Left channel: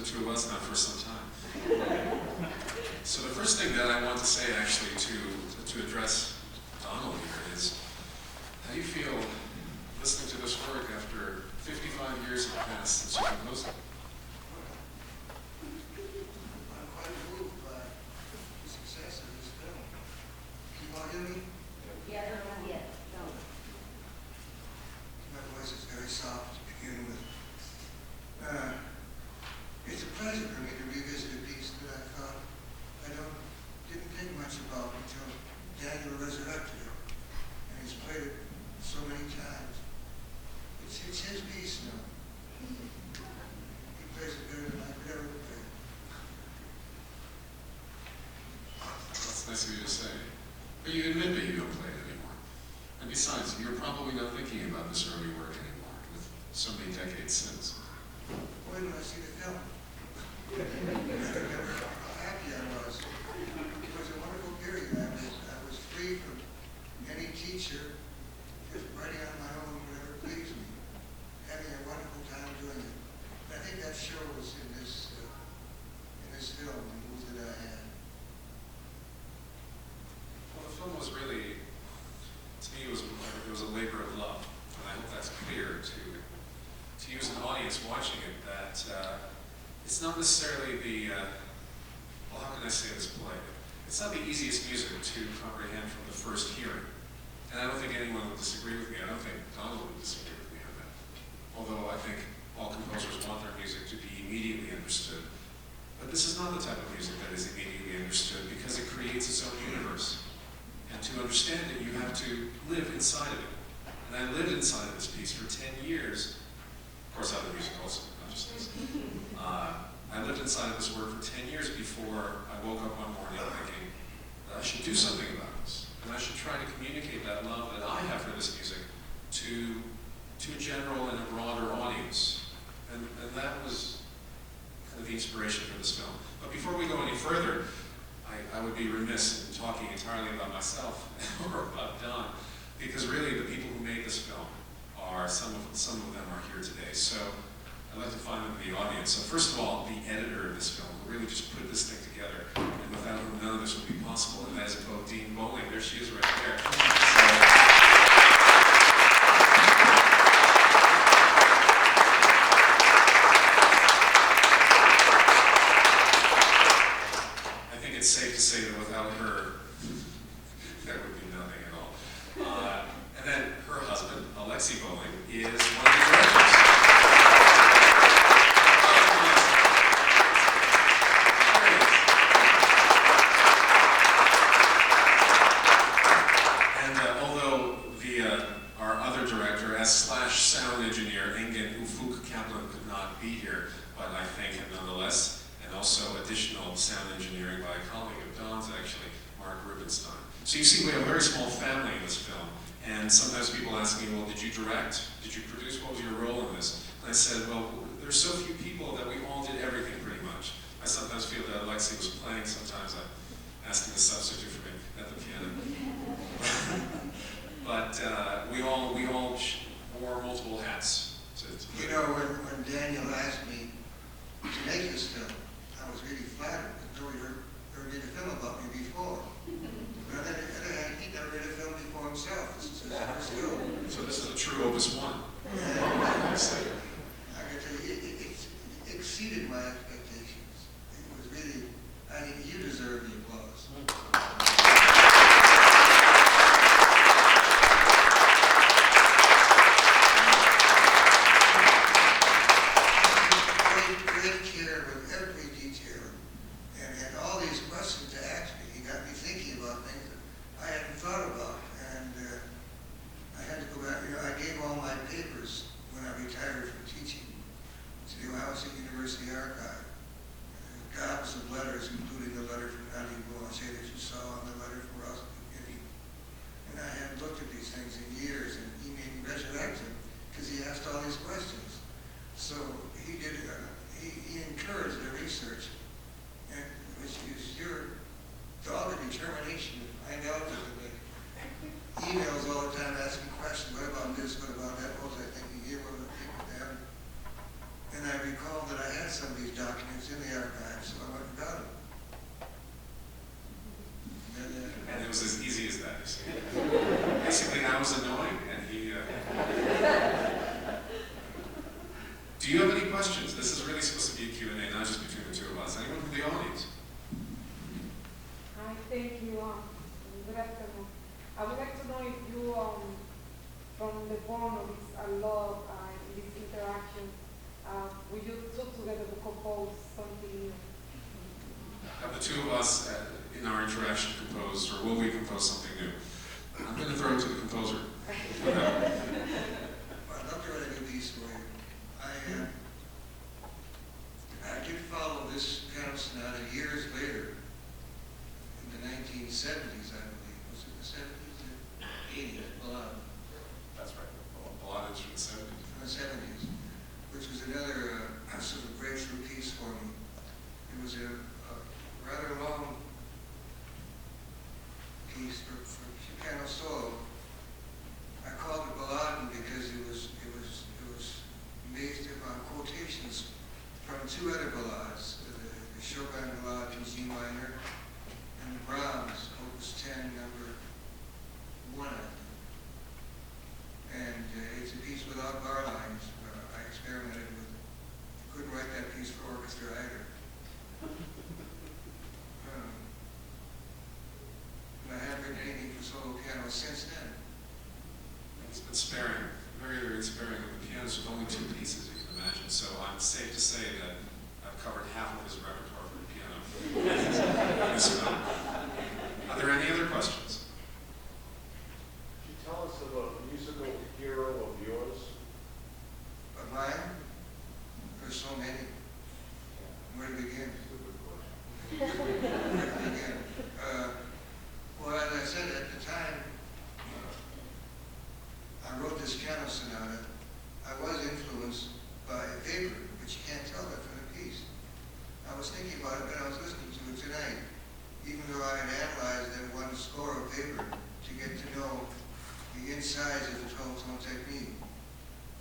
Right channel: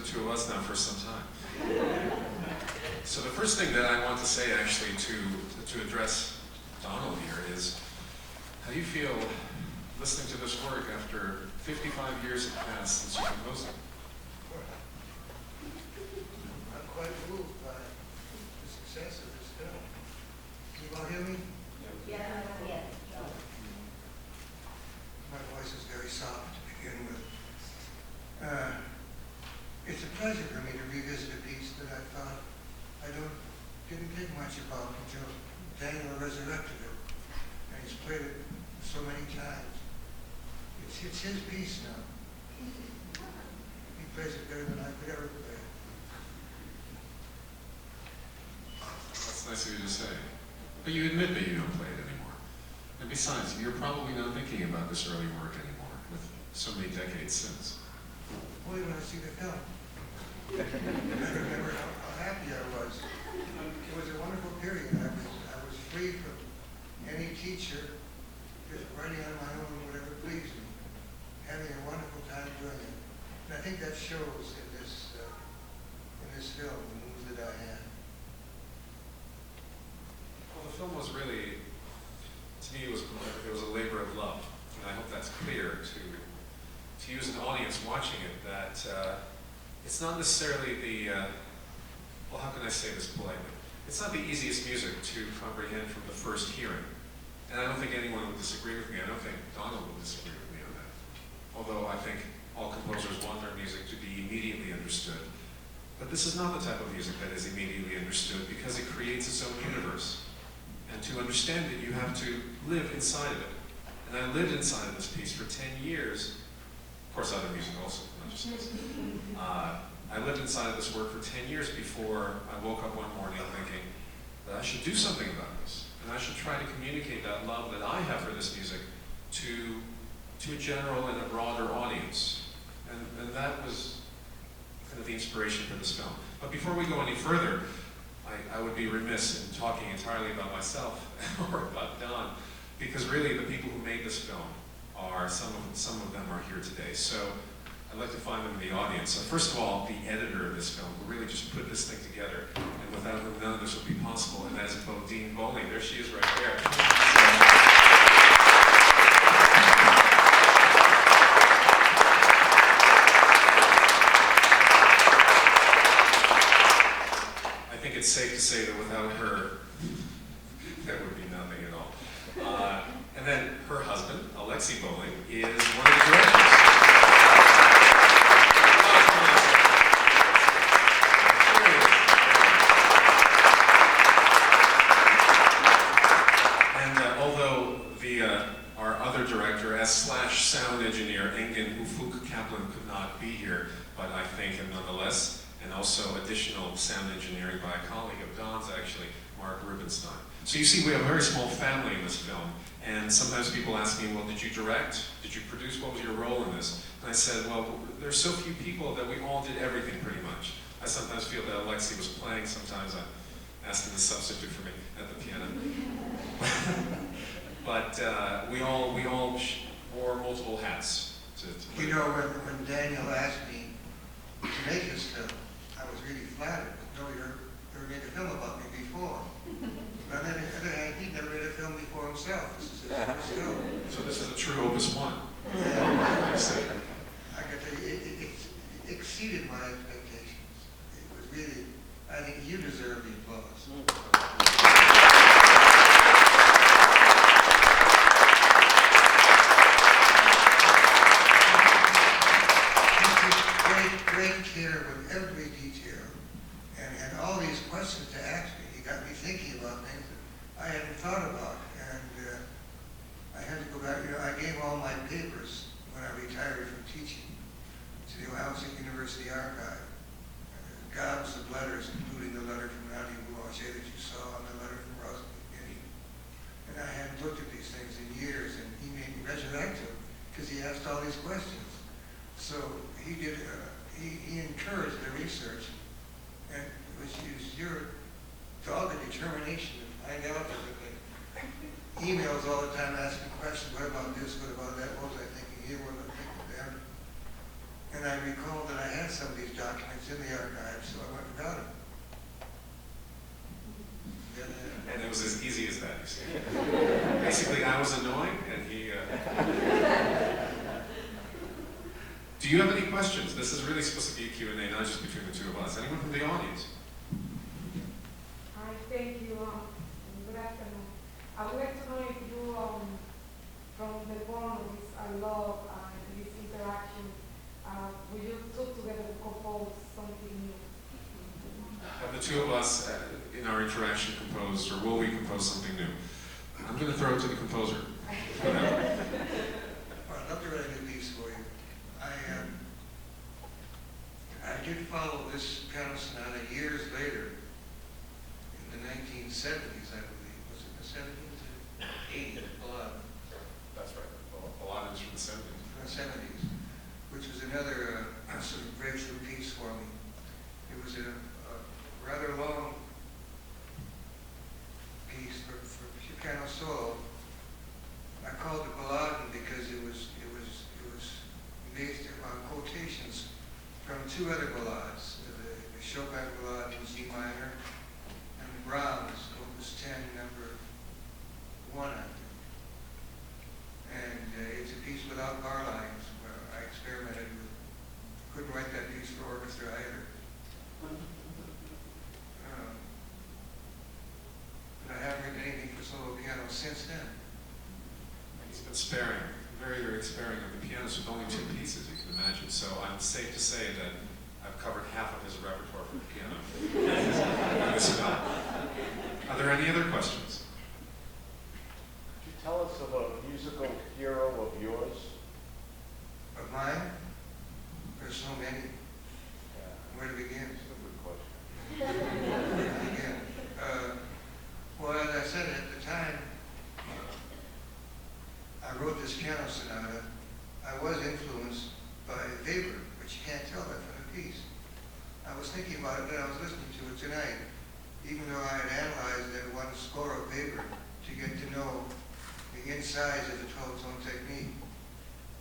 the two of us now for some time. So the first thing that I want to say actually to address Donald here is, how do you feel listening to this work after 55 years have passed since you composed it? I'm quite moved by the success of this film. Can you all hear me? Yeah. My voice is very soft to begin with. It's a pleasure for me to revisit a piece that I thought didn't think much about until Daniel resurrected it, and he's played it so many times. It's his piece now. He plays it better than I could ever play it. That's nice of you to say. But you admit that you don't play it anymore. And besides, you're probably not thinking about this early work anymore, with so many decades since. Only when I see the film. I remember how happy I was. It was a wonderful period. I was free from any teacher, just writing on my own, whatever pleased me, having a wonderful time doing it. And I think that shows in this film, the moves that I had. Well, the film was really, to me, it was a labor of love, and I hope that's clear to you as an audience watching it. That it's not necessarily the well, how can I say this politely? It's not the easiest music to comprehend from the first hearing, and I don't think anyone would disagree with me. I don't think Donald would disagree with me on that. Although I think all composers want their music to be immediately understood. But this is not the type of music that is immediately understood, because it creates its own universe. And to understand it, you have to live inside of it. And I lived inside of this piece for 10 years. Of course, other musicals, not just this. I lived inside of this work for 10 years before I woke up one morning thinking that I should do something about this. And I should try to communicate that love that I have for this music to a general and a broader audience. And that was kind of the inspiration for this film. But before we go any further, I would be remiss in talking entirely about myself or about Don, because really the people who made this film are, some of them are here today. So I'd like to find them in the audience. So first of all, the editor of this film, who really just put this thing together, and without whom none of this would be possible, and that is Bodine Bowling. There she is right there. I think it's safe to say that without her, there would be nothing at all. And then her husband, Alexei Bowling, is one of the directors. Our other director, as sound engineer, Engin Ufuk Kaplan, could not be here, but I thank him nonetheless. And also additional sound engineering by a colleague of Don's, actually, Mark Rubenstein. So you see, we have a very small family in this film. And sometimes people ask me, well, did you direct? Did you produce? What was your role in this? And I said, well, there's so few people that we all did everything pretty much. I sometimes feel that Alexei was playing. Sometimes I asked him to substitute for me at the piano. But we all wore multiple hats. You know, when Daniel asked me to make this film, I was really flattered because nobody ever made a film about me before. But on the other hand, he'd never made a film before himself. This is his first film. So this is a true opus one. I see. I can tell you, it exceeded my expectations. It was really, I think you deserve the applause. Great care with every detail, and all these questions to ask me. He got me thinking about things that I hadn't thought about, and I had to go back. You know, I gave all my papers when I retired from teaching to the Ohio State University Archive. Gobs of letters, including the letter from Nadia Boulanger that you saw, and the letter from Russ McGinney. And I hadn't looked at these things in years, and he made me resurrect them because he asked all these questions. So he did. He encouraged the research, and it was your dogged determination to find out. Emails all the time asking questions. What about this? What about that? What was I thinking here? What was I thinking there? And I recalled that I had some of these documents in the archive, so I went and got them. And it was as easy as that, you see. Basically, I was annoying, and he... Do you have any questions? This is really supposed to be a Q&A, not just between the two of us. Anyone from the audience? Hi, thank you. Good afternoon. I would like to know if you, from the point of this love, these interactions, will you talk together to compose something new? Have the two of us, in our interaction, composed, or will we compose something new? I'm going to throw it to the composer. I'd love to write a new piece for you. I did follow this piano sonata years later, in the 1970s, I believe. Was it the 70s? The 80s, Beliavsky. That's right. Beliavsky from the 70s. From the 70s, which was another sort of breakthrough piece for me. It was a rather long piece for piano solo. I called it Beliavsky because it was based upon quotations from two other ballades, the Chopin ballade in G minor and Brahms, Opus 10, number 1, I think. And it's a piece without bar lines, where I experimented with. Couldn't write that piece for orchestra either. And I haven't written anything for solo piano since then. He's been sparing, very, very sparing of the pianos with only 2 pieces, you can imagine. So I'm safe to say that I've covered half of his repertoire for the piano. Are there any other questions? Could you tell us of a musical hero of yours? Of mine? There's so many. Where to begin? That's a good question. Where to begin? Well, as I said at the time, I wrote this piano sonata. I was influenced by Weber, but you can't tell that from the piece. I was thinking about it when I was listening to it tonight, even though I had analyzed that one score of Weber to get to know the insides of the 12-tone technique.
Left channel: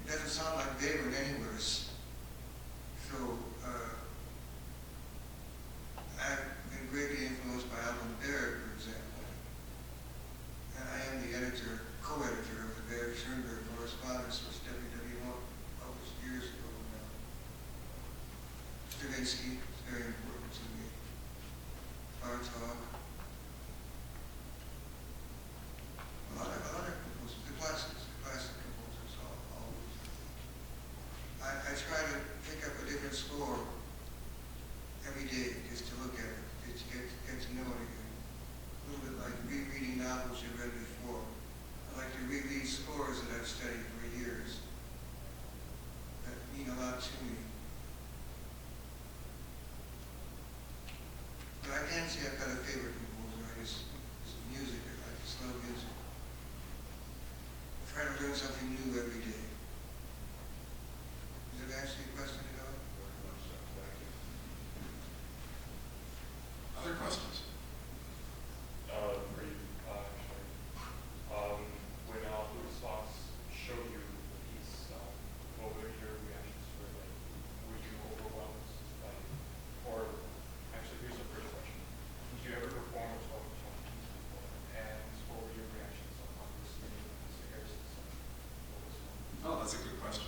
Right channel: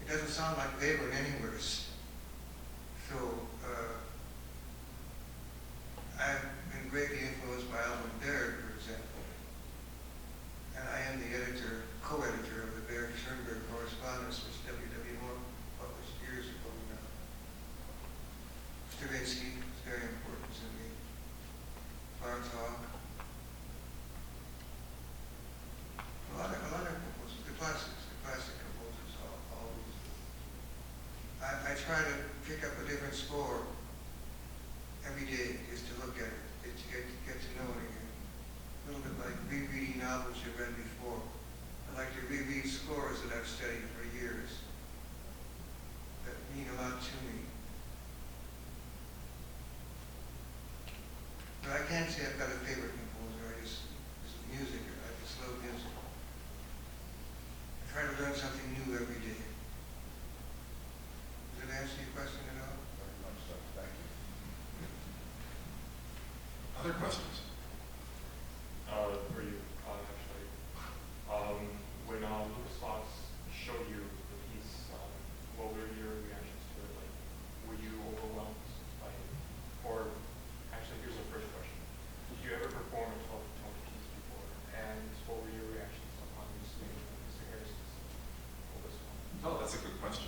It doesn't sound like Weber in any worse. So, I've been greatly influenced by Alvin Berg, for example. And I am the co-editor of the Berg-Schoenberg correspondence, which WW1 published years ago now. Stravinsky is very important to me. Bartok. A lot of composers, the classic composers, always. I try to pick up a different score every day, just to look at it, just to get to know it again. A little bit like rereading novels you've read before. I like to reread scores that I've studied for years that mean a lot to me. But I can't say I've got a favorite composer. It's music. I just love music. I try to learn something new every day. Does that answer your question at all? Thank you. Other questions? For you, actually. When Lucas Fox showed you the piece, what were your reactions to it? Were you overwhelmed by it? Or, actually, here's the first question. Did you ever perform a 12-tone piece before? And what were your reactions upon seeing Mr. Harris's Opus 1? Oh, that's a good question.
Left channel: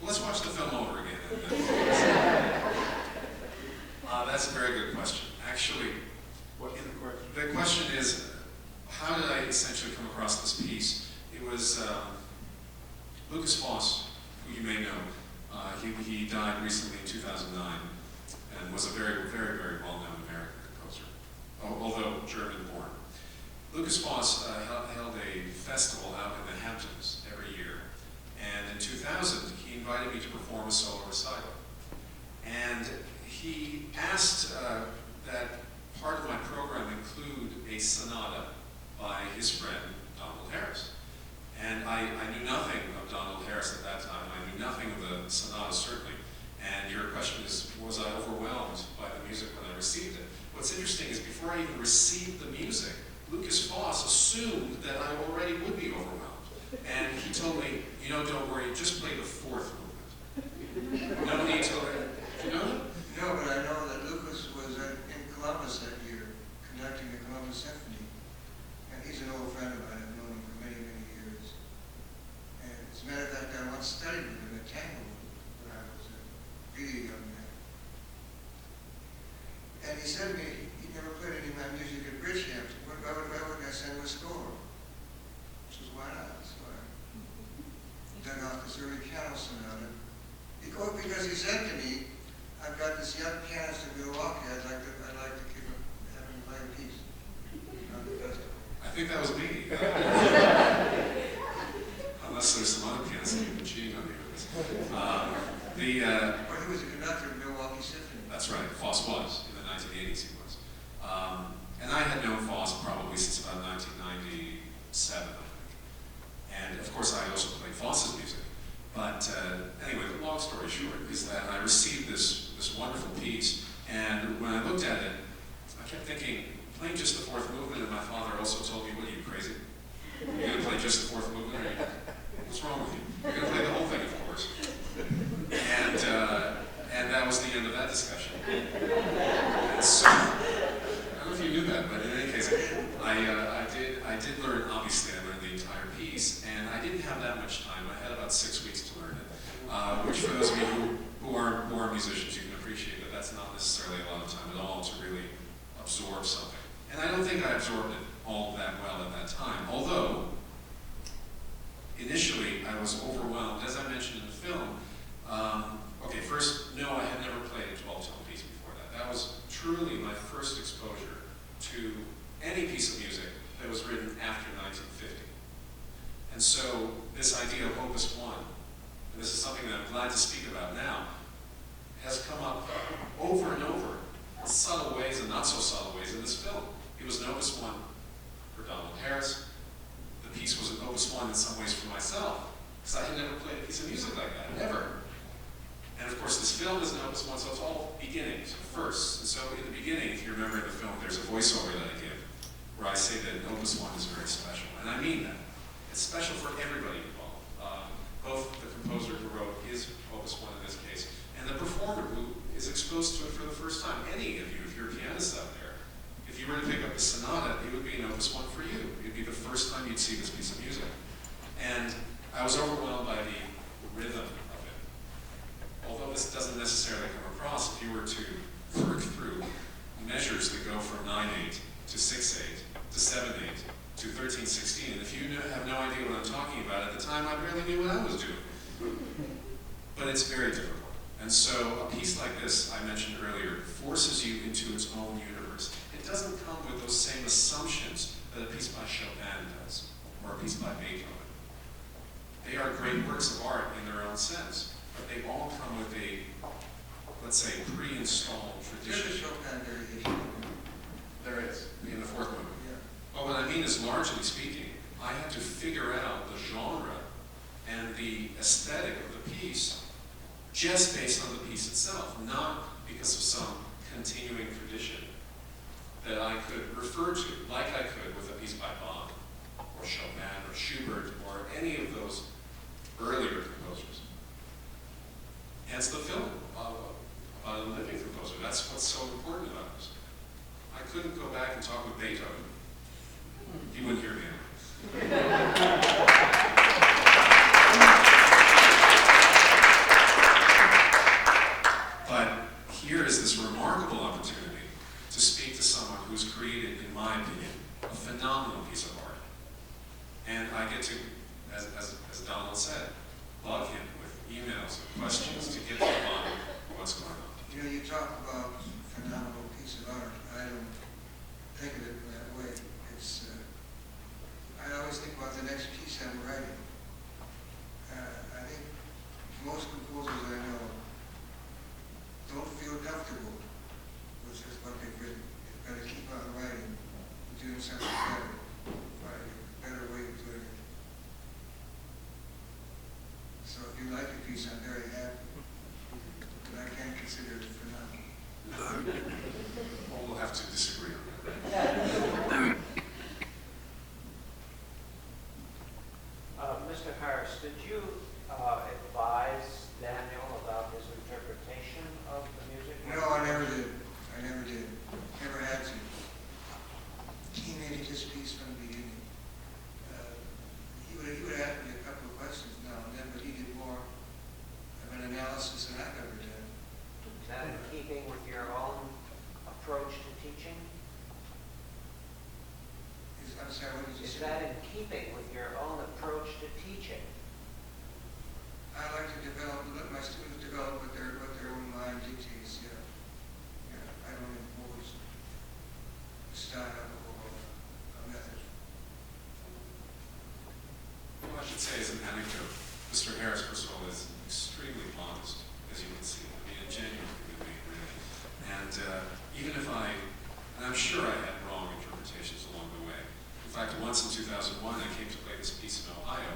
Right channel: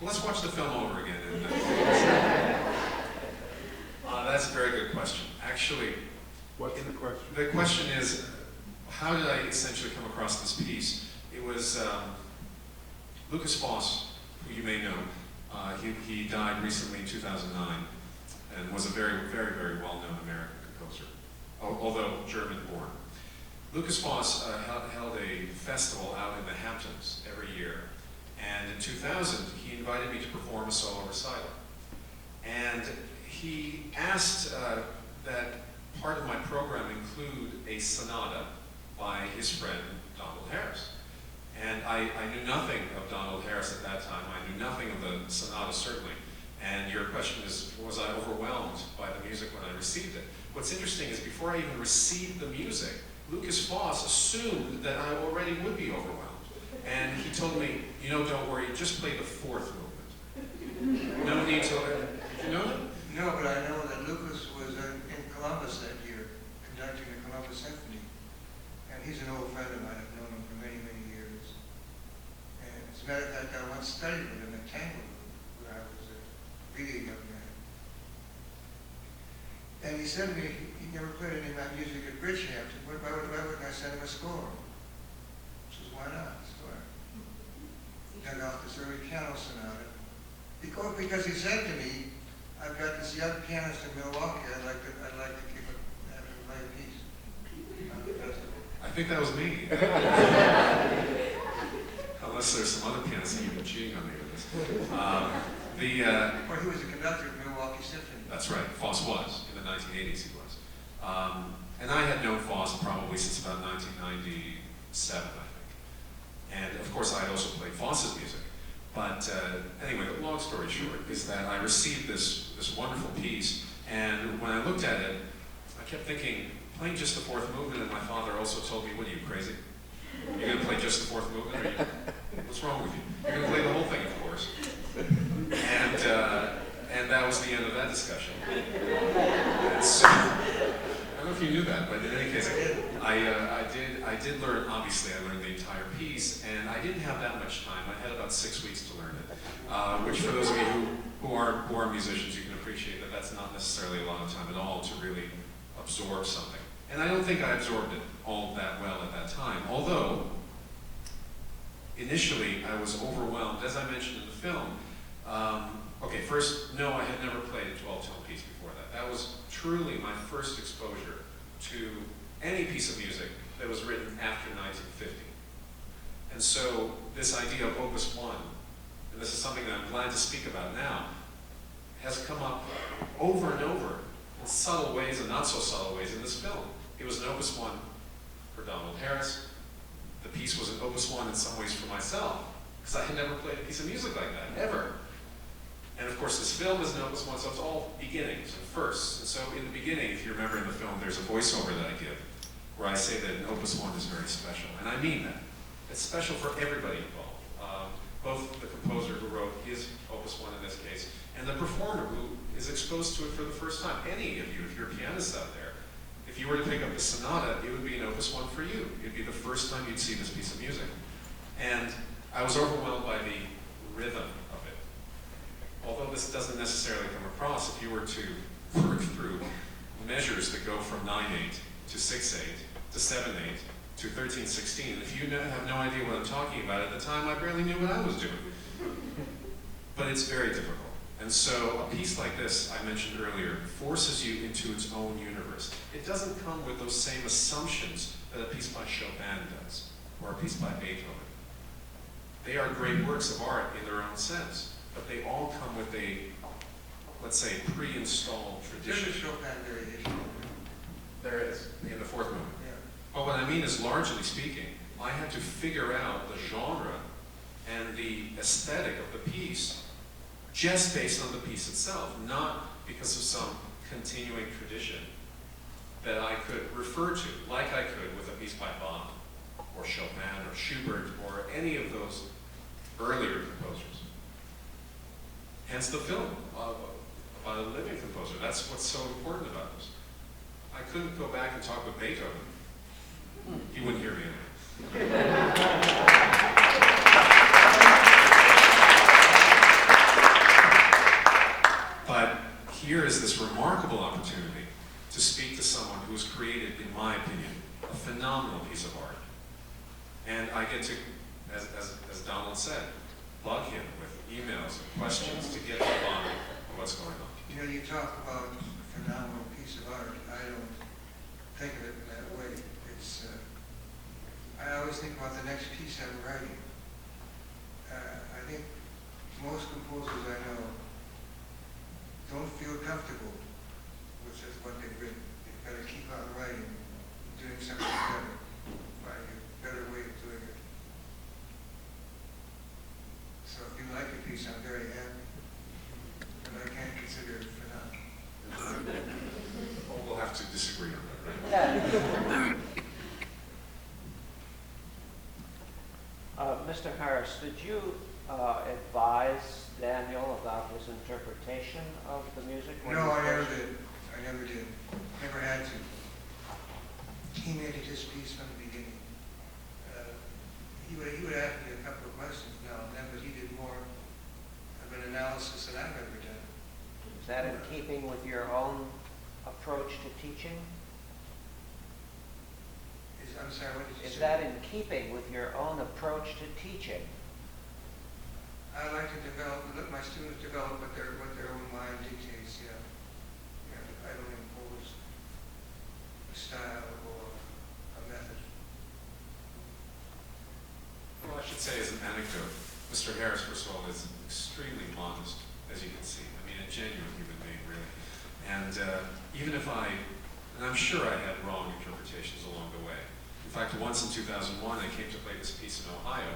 Well, let's watch the film over again. And, that's a very good question. Actually, What's the question? the question is, how did I essentially come across this piece? It was Lucas Foss, who you may know. He died recently in 2009 and was a very, very, very well-known American composer, although German-born. Lucas Foss held a festival out in the Hamptons every year, and in 2000 he invited me to perform a solo recital. And he asked that part of my program include a sonata by his friend Donald Harris. And I knew nothing of Donald Harris at that time. I knew nothing of the sonata, certainly. And your question is, was I overwhelmed by the music when I received it? What's interesting is before I even received the music, Lucas Foss assumed that I already would be overwhelmed. And he told me, don't worry, just play the 4th movement. No need to learn. Did you know that? No, No, but I know that Lucas was in Columbus that year, conducting the Columbus Symphony. And he's an old friend of mine. I've known him for many, many years. And as a matter of fact, I once studied with him at Tanglewood when I was a really young man. And he said to me, he never played any of my music at Bridgehampton. Why wouldn't I send him a score? I says, why not? That's why. He dug off this early piano sonata. Because he said to me, I've got this young pianist in Milwaukee. I'd like to have him play a piece on the festival. I think that was me. Unless there's some other pianists that you've been cheating on me with this. Well, he was a conductor of Milwaukee Symphony. That's right. Foss was. In the 1980s he was. And I had known Foss probably since about 1997, I think. And of course I also played Foss's music. But anyway, the long story short is that I received this wonderful piece, and when I looked at it, I kept thinking, playing just the fourth movement, and my father also told me, what are you, crazy? You're going to play just the fourth movement? What's wrong with you? You're going to play the whole thing, of course. And that was the end of that discussion. And so, I don't know if you knew that, but in any case, I did learn, obviously I learned the entire piece, and I didn't have that much time. I had about 6 weeks to learn it, which for those of you who are musicians, you can appreciate that that's not necessarily a lot of time at all to really absorb something. And I don't think I absorbed it all that well at that time, although initially I was overwhelmed, as I mentioned in the film. Okay, first, no, I had never played a 12-tone piece before that. That was truly my first exposure to any piece of music that was written after 1950. And so this idea of Opus 1, and this is something that I'm glad to speak about now, has come up over and over in subtle ways and not so subtle ways in this film. It was an Opus 1 for Donald Harris. The piece was an Opus 1 in some ways for myself, because I had never played a piece of music like that, ever. And of course, this film is an Opus 1, so it's all beginnings and firsts. And so in the beginning, if you remember in the film, there's a voiceover that I give, where I say that an Opus 1 is very special. And I mean that. It's special for everybody involved. Both the composer who wrote his Opus 1 in this case, and the performer who is exposed to it for the first time. Any of you, if you're pianists out there, if you were to pick up the Sonata, it would be an Opus 1 for you. It'd be the first time you'd see this piece of music. And I was overwhelmed by the rhythm of it. Although this doesn't necessarily come across, if you were to work through measures that go from 9/8 to 6/8 to 7/8 to 13/16, if you have no idea what I'm talking about, at the time I barely knew what I was doing. But it's very difficult. And so a piece like this, I mentioned earlier, forces you into its own universe. It doesn't come with those same assumptions that a piece by Chopin does, or a piece by Beethoven. They are great works of art in their own sense, but they all come with a, let's say, pre-installed tradition. There's a Chopin variation. There is, in the fourth movement. Yeah. But what I mean is, largely speaking, I had to figure out the genre and the aesthetic of the piece just based on the piece itself, not because of some continuing tradition that I could refer to, like I could with a piece by Bach, or Chopin, or Schubert, or any of those earlier composers. Hence the film about a living composer. That's what's so important about this. I couldn't go back and talk with Beethoven. He wouldn't hear me anyway. But here is this remarkable opportunity to speak to someone who has created, in my opinion, a phenomenal piece of art. And I get to, as Donald said, bug him with emails and questions to get to the bottom of what's going on. You know, you talk about a phenomenal piece of art. I don't think of it in that way. It's, I always think about the next piece I'm writing. I think most composers I know don't feel comfortable with what they've written. They've got to keep on writing, doing something better, find a better way of doing it. So if you like a piece, I'm very happy. But I can't consider it phenomenal. Well, we'll have to disagree on that. Mr. Harris, did you advise Daniel about his interpretation of the music? No, I with your own approach to teaching? I'm sorry, what did you Is say? that in keeping with your own approach to teaching? I like to let my students develop what their own mind dictates, yeah. Yeah, I don't impose a style or a method. Well, I should say as an anecdote, Mr. Harris, first of all, is extremely modest, as you can see. I mean, a genuine human being, really. And even if and I'm sure I had wrong interpretations along the way. In fact, once in 2001, I came to play this piece in Ohio,